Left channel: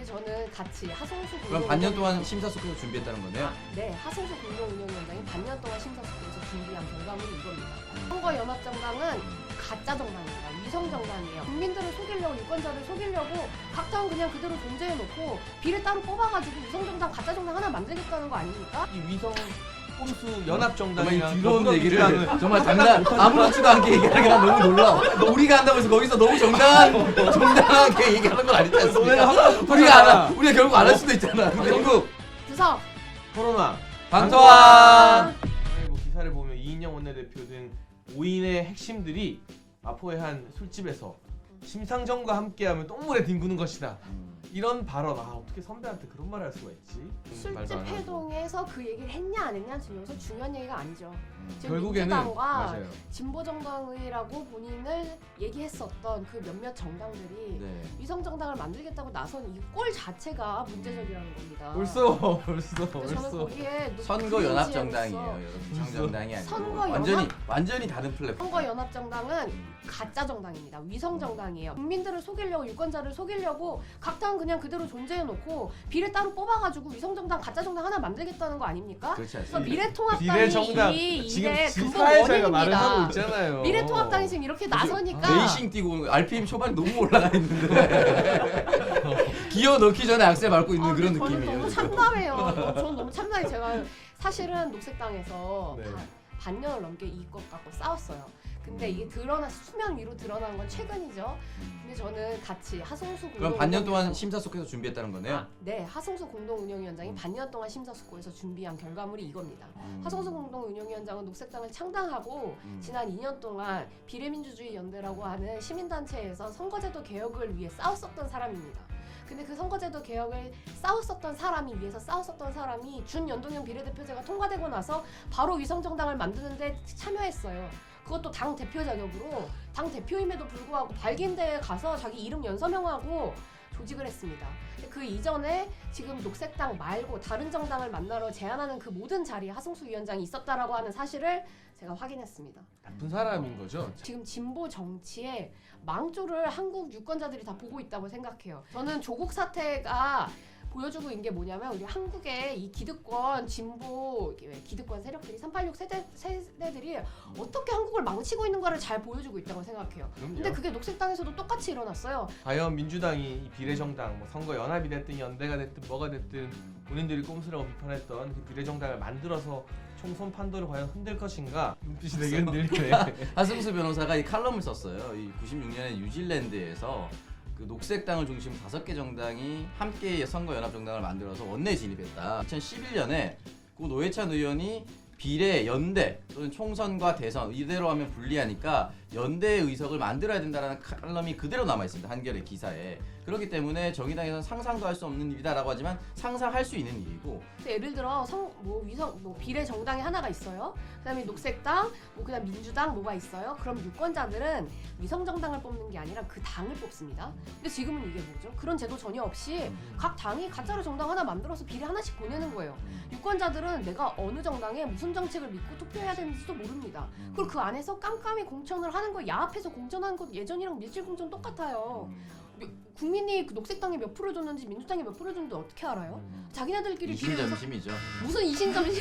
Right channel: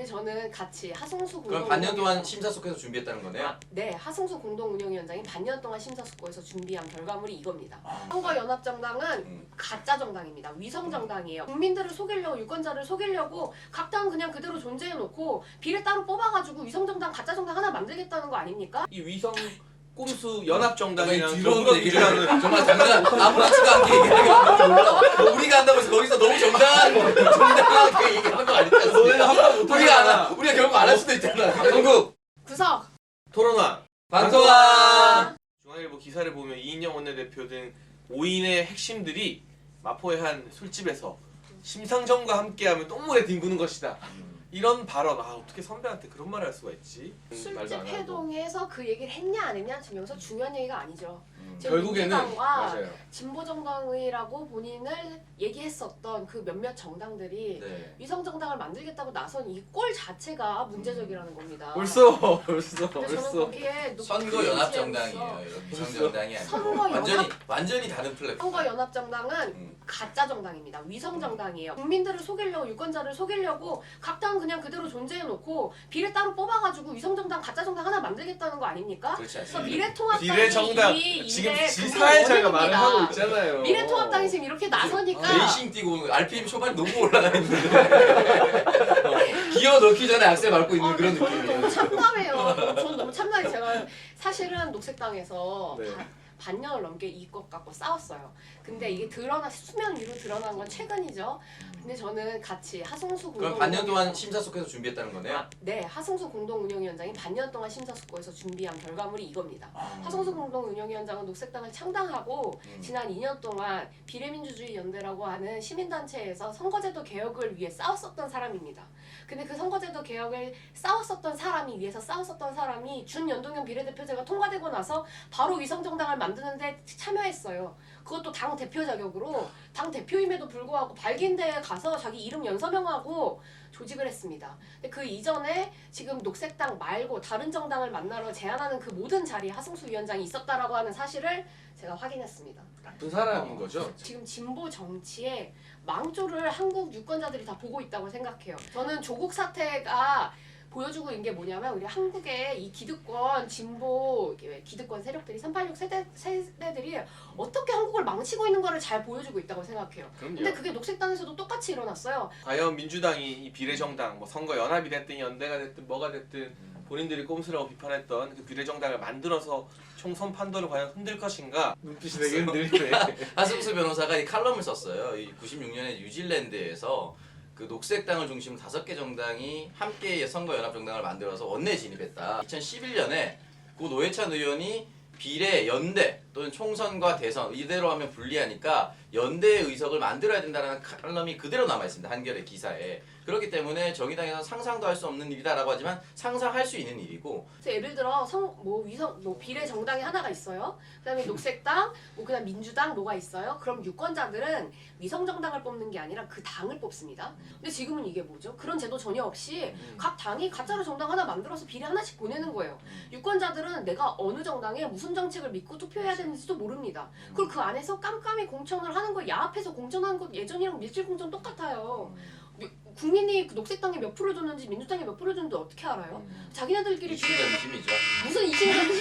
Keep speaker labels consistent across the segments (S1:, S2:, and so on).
S1: 근데 저는 같이 하성수
S2: 그럼 반년 동안 심사숙고해서 준비했다는 거네요?
S1: 네, 하성수 공동운영위원장이 반년 동안 심사숙고해서 준비한 결과물이 이겁니다. 선거연합정당은 가짜 정당입니다. 위성 정당이에요. 국민들을 속이려고, 유권자를 속이려고 각 당 그냥 그대로 존재해놓고 비례 따로 뽑아가지고 위성 정당, 가짜 정당 하나 만들겠다는 거 아닙니까?
S3: 이 위성 꼼수 연합 정당이랑
S2: 들어온 얘기를 정말 장난 아무렇지도 않게 얘기하는 건 너무 놀라워. 우리가 한다면서 거기서 너무 정당하게 얘기하는 거 아니지 않습니까? 우리가 결국 안 할 수도 있잖아. 전국
S1: 구석!
S3: 코로나
S2: 방토왕.
S3: 뭐 기사를 보면 이인영 원내대표 등 5인의 핵심들이 마포의 한 술집에서 심상정과 함께하면 똥물에 뒹구는 것이다. 이런 발언, 어떻게 선배한테 그런 말을 할 수가 있지?
S1: 술집 회동에서 그 얘기를 했냐 안 했냐 지금 여기서 중요한 얘기가 아니죠. 지금
S3: 결국에는
S1: 민주당과
S3: 맞아요.
S1: 진보정당이라고 본인을 얘기했었던 그 몇몇 정당들이
S2: 네.
S1: 위성정당을 만들겠다고 나선 이 꼴 자체가 문제적이라는 겁니다.
S3: 벌써.
S1: 근데 저는 거기에
S2: 선거 연합 정당이에요. 위성 정당이 아니고
S1: 선거
S2: 완전히 다른 플랫폼.
S1: 선거연합정당은 가짜 정당입니다. 위성 정당이에요. 국민들을 속이려고, 유권자를 속이려고 각 당 그냥 그대로 존재해놓고 비례 따로 뽑아가지고 위성 정당, 가짜 정당 하나 만들겠다는 거 아닙니까?
S2: 그렇지
S1: 그래서
S2: 않습니다.
S1: 미래통합당이
S3: 비례정당
S1: 이
S3: 지금
S1: 일에
S3: 지사회자가 말을 하고 있잖아요.
S1: 미래통합당이 지금 이렇게 나서니까
S2: 레이싱 뛰고 RPM 초반에 너무 올라가 있는데 기어 넣기 전에 악셀 밟고 있는 그런
S1: 저는
S2: 느낌이에요.
S1: 너무 참담해요. 저는 너무 참담해. 제가 사실은 녹색당에서
S3: 네.
S1: 반년을 넘게 이것 갖고 싸웠어요. 근데 이게 수면 위로 드러난 건 최근이죠. 근데 저는 같이 하성수
S2: 그럼 반년 동안 심사숙고해서 준비했다는 거네요?
S1: 네, 하성수 공동운영위원장이 반년 동안 심사숙고해서 준비한 결과물이 이겁니다. 하성수 공동운영위원장은 녹색당을 창당하고 지난 2년 동안 비례민주주의 연대라고 하는 시민단체에서 선거제도 개혁을 위해 싸웠었던 사람입니다. 근데 그 선거제도 개혁을 위해서 싸웠었던 사람이 준연동형 비례대표제가 통과되고 나서 바로 위성정당을 만드는데 참여했어요. 그것도 당 대표 자격으로, 당 대표임에도 불구하고 발기인대에 가서 자기 이름 연서명하고 조직을 했습니다. 근데 그 이전에 지금 녹색당 말고 다른 정당을 만나러 제안하는 그 모든 자리에 하성수 위원장이 있었다라고 하는 사실을 제가 확인했습니다.
S3: 나쁜 사람인 거죠?
S1: 지금 진보 정치에 망조를 한국 유권자들이 다 보고 있다고 생각해요. 저는 조국 사태가 보여주고 있는 게 뭐냐면 우리 한국의 이 기득권 진보 기득권 세력들이 386 세대들이 어떻게 한국을 망치고 있는 거를 잘 보여주고 있다고 생각해요. 근데
S3: 그럼요.
S1: 그게 녹색당에서도 똑같이 일어났어요.
S3: 과연 민주당이 이 비례정당, 뭐 선거 연합이 됐든 연대가 됐든 뭐가 됐든 본인들이 꼼수라고 비판했던 그 비례정당을 만들어서 총선 판도를 과연 흔들 것인가? 눈빛이 되게 흔들리네.
S2: 하승수 변호사가 이 칼럼을 썼어요. 이 96년에 뉴질랜드에서 그 녹색당을 중심으로 5개 정당이 함께 선거연합정당을 만들어서 원내 진입했다. 2011년에 고 노회찬 의원이 비례, 연대 또는 총선과 대선 이대로 하면 불리하니까 연대의 의석을 만들어야 된다는 칼럼이 그대로 남아있습니다. 한겨레 기사에. 그렇기 때문에 정의당에서 상상도 할 수 없는 일이다라고 하지만 상상할 수 있는 일이고.
S1: 예를 들어 비례 정당이 하나가 있어요. 그다음에 녹색당, 그다음 민주당 뭐가 있어요. 그럼 유권자들은 위성 정당을 뽑는 게 아니라 그 당을 뽑습니다. 근데 지금은 이게 뭐죠? 그런 제도 전혀 없이 각 당이 가짜로 정당 하나 만들어서 비례 하나씩 보내는 거예요. 유권자들은 내가 어느 정당에 무슨 정책을 믿고 투표해야 되는지도 모릅니다. 그리고 그 안에서 깜깜이 공천을 하는 거, 야합해서 공천하는 거 예전이랑 밀실 공천 똑같아요. 국민이 그 녹색당에 몇 프로 줬는지 민주당에 몇 프로 줬는지 어떻게 알아요? 자기네들끼리
S2: 이심전심이죠.
S1: 무슨 이심전심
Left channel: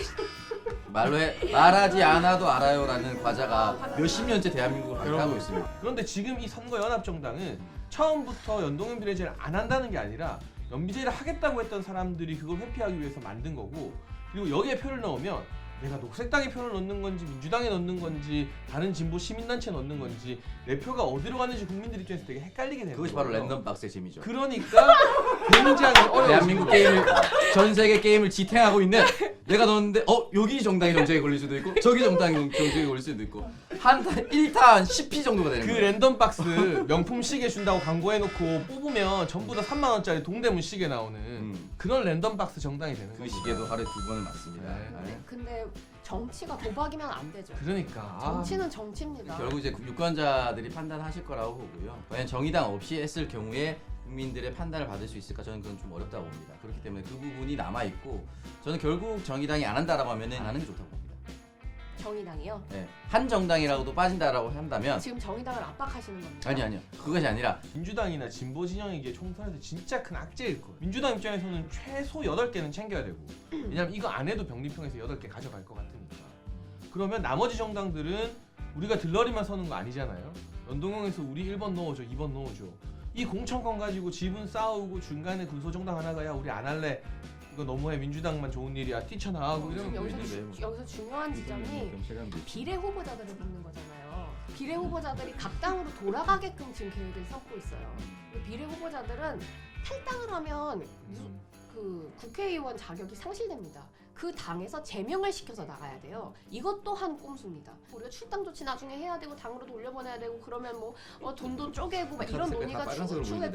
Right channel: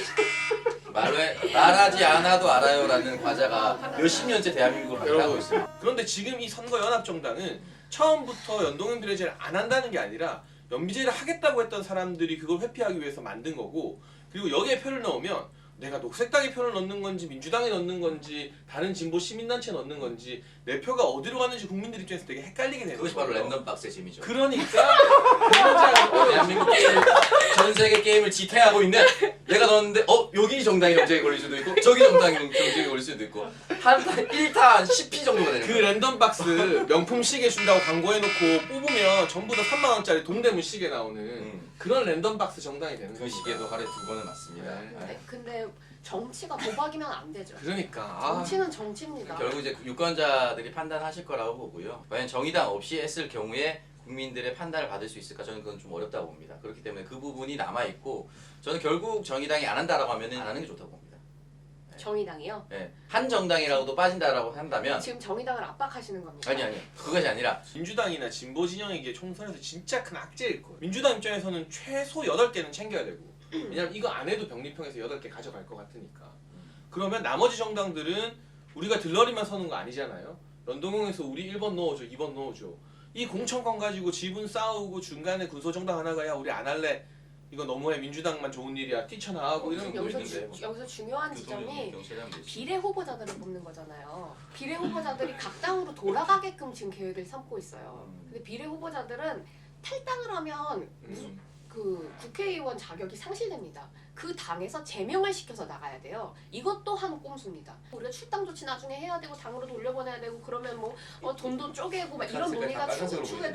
S2: 말하지 않아도 알아요라는 과자가 몇십 년째 대한민국을 발달하고 있습니다.
S3: 그런데 지금 이 선거연합정당은 처음부터 연동형 비례제를 안 한다는 게 아니라 연비제를 하겠다고 했던 사람들이 그걸 회피하기 위해서 만든 거고, 그리고 여기에 표를 넣으면 내가 녹색당에 표를 넣는 건지 민주당에 넣는 건지 다른 진보 시민단체에 넣는 건지 내 표가 어디로 가는지 국민들 입장에서 되게 헷갈리게 되는
S2: 그것이
S3: 거예요.
S2: 바로 랜덤박스의 재미죠.
S3: 그러니까 굉장히
S2: 대한민국 게임, 전 세계 게임을 지탱하고 있는 내가 넣었는데 여기 정당이 정책에 걸릴 수도 있고 저기 정당이 정책에 걸릴 수도 있고 한 1탄 10피 정도가 되는
S3: 그
S2: 거예요.
S3: 랜덤박스 명품 시계 준다고 광고해놓고 뽑으면 전부 다 3만 원짜리 동대문 시계 나오는 그런 랜덤박스 정당이 되는
S2: 그
S3: 거예요.
S2: 시계도 하루에 2번은 맞습니다.
S3: 네.
S1: 근데 정치가 도박이면 안 되죠.
S3: 그러니까
S1: 정치는 정치입니다.
S2: 결국 이제 유권자들이 판단하실 거라고 보고요. 과연 정의당 없이 했을 경우에 국민들의 판단을 받을 수 있을까? 저는 그건 좀 어렵다고 봅니다. 그렇기 때문에 그 부분이 남아 있고 저는 결국 정의당이 안 한다라고 하면은 안 하는 게 좋다고 봅니다.
S1: 정의당이요?
S2: 네. 한 정당이라고도 빠진다라고 한다면
S1: 지금 정의당을 압박하시는 겁니다.
S2: 아니요 그것이 아니라
S3: 민주당이나 진보 진영에게 총선에서 진짜 큰 악재일 거예요. 민주당 입장에서는 최소 8개는 챙겨야 되고 왜냐면 이거 안 해도 병립형에서 8개 가져갈 것 같으니까. 그러면 나머지 정당들은 우리가 들러리만 서는 거 아니잖아요. 연동형에서 우리 1번 넣어줘 2번 넣어줘 이 공천권 가지고 지분 싸우고 중간에 군소정당 하나가 야 우리 안 할래 이거 너무해 민주당만 좋은 일이야 뛰쳐나가고 이런 거 있는데
S1: 여기서 중요한 지점이
S2: 경찰이 하면 되지.
S1: 비례 후보자들을 뽑는 거잖아요. 비례 후보자들이 각 당으로 돌아가게끔 지금 계획을 삼고 있어요. 근데 비례 후보자들은 탈당을 하면 그 국회의원 자격이 상실됩니다. 그 당에서 제명을 시켜서 나가야 돼요. 이것 또한 꼼수입니다. 우리가 출당 조치 나중에 해야 되고 당으로 돌려보내야 되고 그러면 뭐 돈도 쪼개고 막 이런
S2: 색깔
S1: 논의가
S2: 다 빨간색으로 보이는데,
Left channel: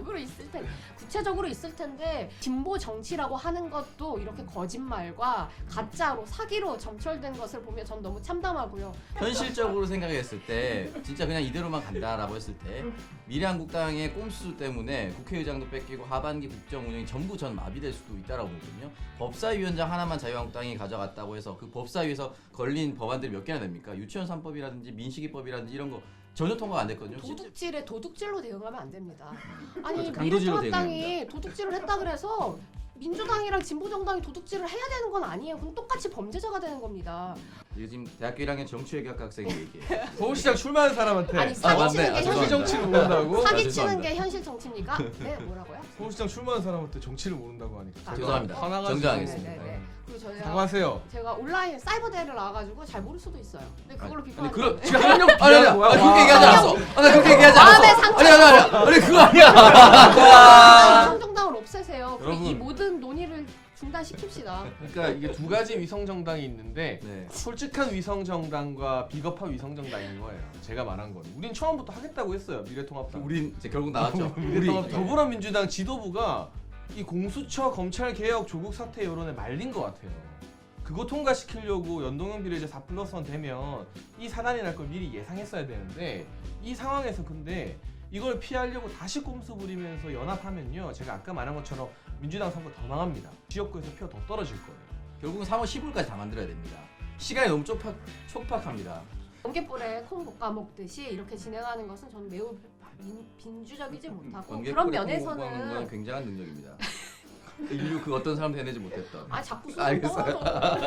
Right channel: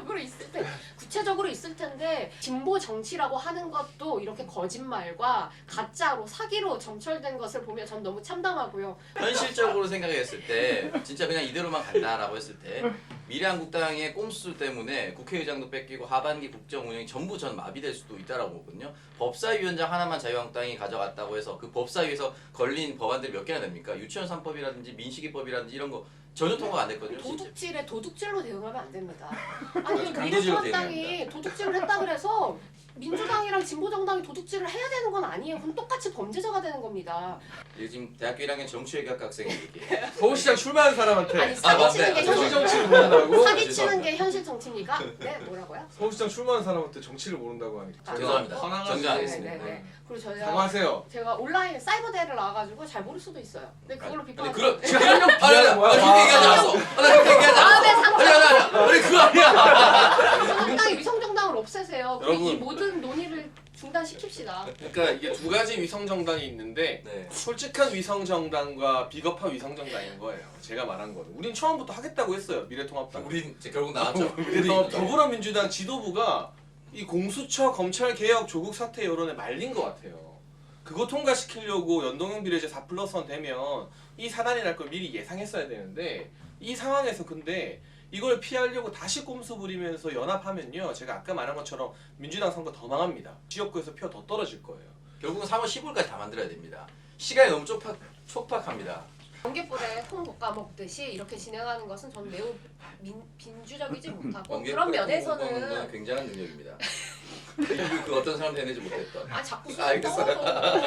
S1: 구체적으로 있을 텐데 진보 정치라고 하는 것도 이렇게 거짓말과 가짜로 사기로 점철된 것을 보면 전 너무 참담하고요.
S2: 현실적으로 생각했을 때 진짜 그냥 이대로만 간다라고 했을 때 미래한국당의 꼼수 때문에 국회의장도 뺏기고 하반기 국정 운영이 전부 전 마비될 수도 있다라고 보거든요. 법사위원장 하나만 자유한국당이 가져갔다고 해서 그 법사위에서 걸린 법안들이 몇 개나 됩니까? 유치원 3법이라든지 민식이법이라든지 이런 거 전혀 통과가 안 됐거든요.
S1: 도둑질에 도둑질로 대응하면 안 됩니다. 아니
S2: 강도질로
S1: 미래통합당이 도둑질을 했다 그래서 민주당이랑 진보정당이 도둑질을 해야 되는 건 아니에요. 그럼 똑같이 범죄자가 되는 겁니다.
S2: 이게 지금 대학교 1학년 정치외교학 학생의 얘기예요.
S3: 서울시장 출마한 사람한테
S1: 아니 사기치는 게
S3: 정치
S1: 현실
S3: 정치를 모른다고?
S1: 사기치는 게 현실 정치입니까? 네 뭐라고요?
S3: 서울시장 출마한 사람한테 정치를 모른다고 하니까
S2: 죄송합니다.
S3: 선항하시-
S2: 정정하겠습니다.
S1: 네. 그리고 저희가
S3: 사과하세요.
S1: 제가 온라인 사이버대를 나와가지고 잘 모를 수도 있어요. 근데 그걸로
S2: 아니
S1: 비판하는
S2: 그런
S1: 건데.
S2: 지금 한명 아니 그렇게 얘기하지 않았어. 나 그렇게 얘기하지
S1: 마음의
S2: 않았어.
S1: 상처.
S2: 아니 그거 아니야.
S1: 위성정당을 없애세요. 그리고 이
S3: 여러분.
S1: 모든 논의를 중단시킵시다.
S3: 그러니까 이게 두 가지 위성 정당이 있는데
S2: 네.
S3: 솔직한 위성 정당과 비겁한 위성 정당인 거예요. 제가 말한 거는. 우린 처음부터 하겠다고 했어요. 미래통합당.
S2: 우린 이제 결국 나왔죠.
S3: 미래통합 더불어민주당 지도부가 이 공수처 검찰 개혁 조국 사태 여론에 말린 것 같아요. 그거 통과시키려고 연동형 비례제 4+1 되면 이 사단이 날 걸 미리 예상했어야 되는데 이 상황에서 근데 이걸 피하려고 다시 꼼수 부리면서 연합하면요. 제가 아까 말한 것처럼 민주당 선거 더 망합니다. 지역구에서 표 더 떨어질 거예요.
S2: 결국은 3월 15일까지 다 만들어야 됩니다. 시간이 너무 촉박합니다.
S1: 번개불에 통 볶아 먹듯이 이렇게 진행하는 것은 저는 매우 빈주적이지 못하고
S2: 번개
S1: 그런
S2: 먹는
S1: 면에서는
S2: 건 굉장한 능력입니다. 그 어떤 사람도 해내지 못했던.
S1: 아 자꾸
S2: 알겠어요.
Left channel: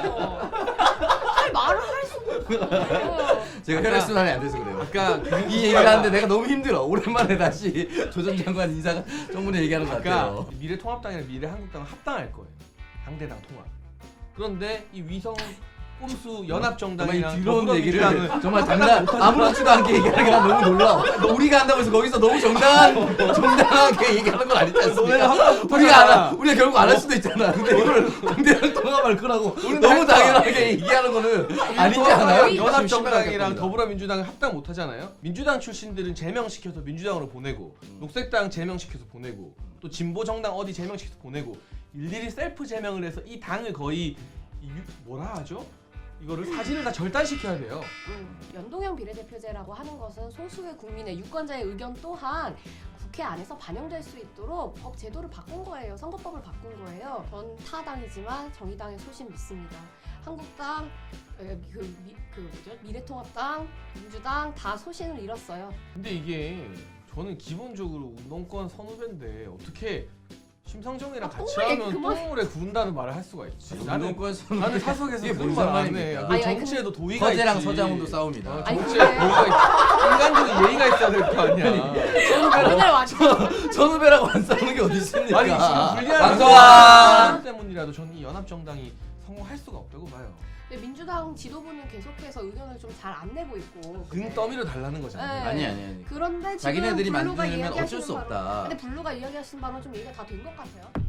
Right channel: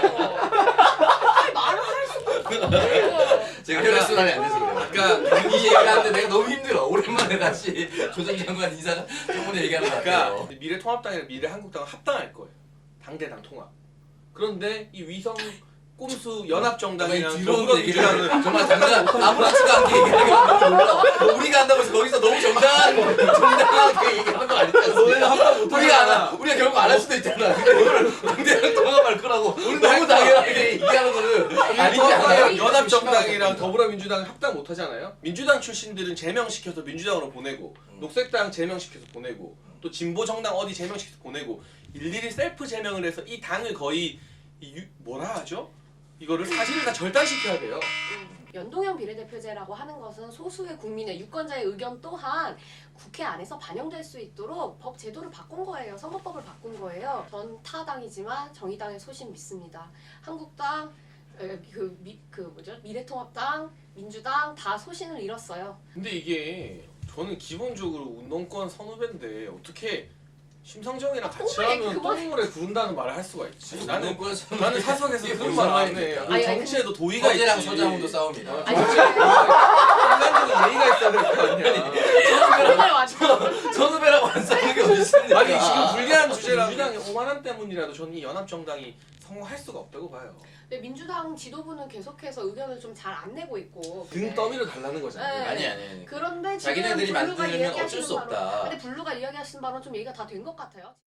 S1: 아니 말을 할 수가 없고
S2: 제가 혈액순환이 안 돼서 그래요.
S3: 그러니까
S2: 이 얘기하는데 내가 너무 힘들어. 오랜만에 다시 조 전 장관 인사 때문에 얘기하는 것 같아요.
S3: 그러니까 미래통합당이랑 미래한국당은 합당할 거예요. 당대당 통합. 그런데 이 위성 꼼수 연합정당이랑
S2: 들어온 얘기를
S3: 더불어민주당은
S2: 정말 당당 아무렇지도 않게 얘기하기가 너무 놀라워. 우리가 한다고 해서 거기서 너무 정당하게 얘기하는 거 아니지 않습니까? 우리가 결국 안 할 수도 있잖아. 근데 이거를 당대당 통합할 거라고 너무 당연하게 얘기하는 거는 아니지 않아요?
S3: 연합정당이랑 더불어민주당 합당 못 하잖아요. 민주당 출신들은 제명시켜서 민주당으로 보내고 녹색당 제명시켜서 보내고 또 진보정당 어디 제명시켜서 보내고 일일이 셀프 제명을 해서 이 당을 거의 뭐라 하죠? 이거를 사실을 다 절단시켜야 돼요.
S1: 연동형 비례대표제라고 하는 것은 소수의 국민의 유권자의 의견 또한 국회 안에서 반영될 수 있도록 법 제도를 바꾼 거예요. 선거법을 바꾼 거예요. 전 타당이지만 정의당의 소신 믿습니다. 한국당, 미래통합당, 민주당 다 소신을 잃었어요.
S3: 근데 이게 저는 기본적으로 운동권 선후배인데 어떻게 심상정이랑 같이
S1: 똥물에
S3: 하면
S1: 그만-
S3: 똥물에 구른다는 말을 할 수가 있지? 나는
S2: 운동권
S3: 나는 사석에서
S2: 이게
S3: 그런
S2: 무슨
S3: 말안 해.
S2: 상황입니까?
S1: 아니,
S3: 정치에도 도의가 있지.
S2: 서재랑 서장훈도 싸웁니다.
S1: 아니
S3: 인간적인 예의가 있어야 될 거 아니야.
S1: 오늘 완전
S2: 선후배라고 안 싸우는 게 어디 있습니까?
S3: 아니 지금 불리한
S2: 방송아.
S3: 사람 때문이라도 저는 이 연합정당이 성공할 수가 없다고 봐요.
S1: 근데 민주당 지도부는 계속해서 의견을 좀 잘 안 내고 있고
S3: 등 떠밀어 달라는 거잖아요.
S1: 네.
S2: 아니.
S1: 그런데 지금
S2: 자기네들이
S1: 블루가
S2: 만들면
S1: 이야기하시는
S2: 어쩔 수
S1: 바로-
S2: 없다.
S1: 근데 블루가 이야기하신 바는 좀 얘기가 다 된 것 같아요.